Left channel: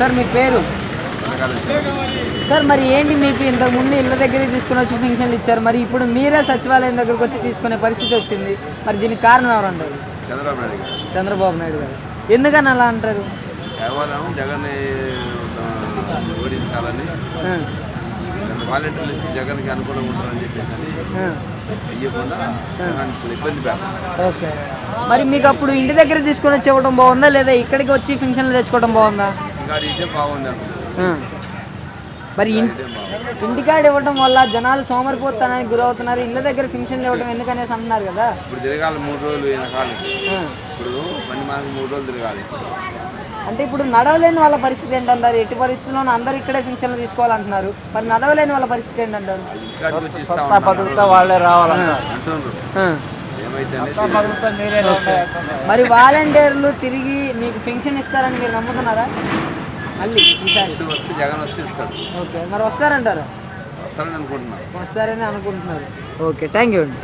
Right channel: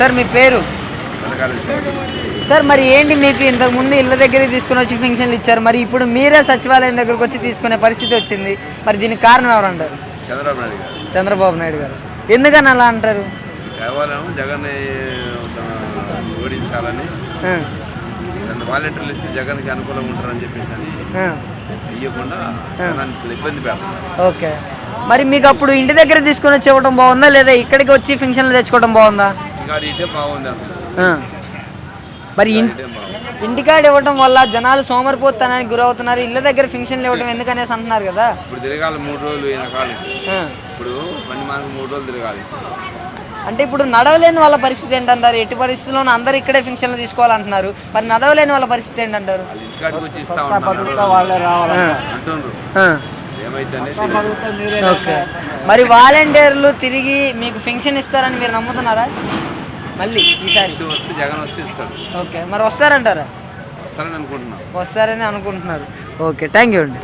Sir మీ పేరు? Sir మరి ఏంటి మీకు ఇంతకుముందు ఇళ్ళ దగ్గర తీసుకుని వచ్చి పెన్షన్లు ఇచ్చారు, మరి ఇప్పుడు మీరే సచివాలయం దగ్గరకు వచ్చి తీసుకునే పరిస్థితి వచ్చింది, మరి దీనికి కారణం ఎవరు అంటారు? చంద్రబాబు నాయుడు గారు. ఎందుకని అలా అంటారు? కేవలం జగన్ ఓడించాలని వాలంటీర్లు ఇస్తే జగన్కి అనుకూలంగా ఉంటారని చెప్పేసి అని చెయ్యకుండా ఇబ్బంది పెడతాం. ఓకే, మరి మీకు అప్పుడు ఇంటి దగ్గర తీసుకొని వచ్చి ఇవ్వడం బాగుందా లేదా ఇక్కడికి వచ్చి పెన్షన్లు తెచ్చుకోవడం బాగుందా? ఇటే బాగుంది అసలు. మరి ఇంటికాడ ఇవ్వడం వల్ల జనాలు సోమరిపోతానికి గురవుతున్నారు, ఇళ్ళ దగ్గర పెన్షన్లు ఇవ్వడం ఎందుకనేసి అంటున్నారు కదా. ఇప్పుడు తిరగాలి 3 రోజులు వెనకాలకి, ఇప్పుడు పని మనకు 3 రోజులు తిరగాలి. అంటే ఇప్పుడు నడవలేని వాళ్ళ పరిస్థితి ఏంటంటారు? ఎట్టి పరిస్థితుల్లోనూ అందరు ఇక్కడే పెన్షన్లు తీసుకోవాలంటున్నారు, మరి నడవలేని వాళ్ళ పరిస్థితి ఏంటంటారు? ఇంటికాడికి వచ్చి ఇస్తా అంటున్నారు. మరి వాలంటీర్లు తిరిగి మీకు పెన్షన్ ఇస్తారని మీరు నమ్ముతున్నారా? మళ్ళీ ఈసారి వస్తే జగన్ వస్తే ఇస్తాడు. ఓకే, మరి వస్తారంటారా? వస్తారని అనుకుంటున్నాను. వస్తారని అనుకుంటున్నారు. ఓకే, థ్యాంక్ యూ అండి.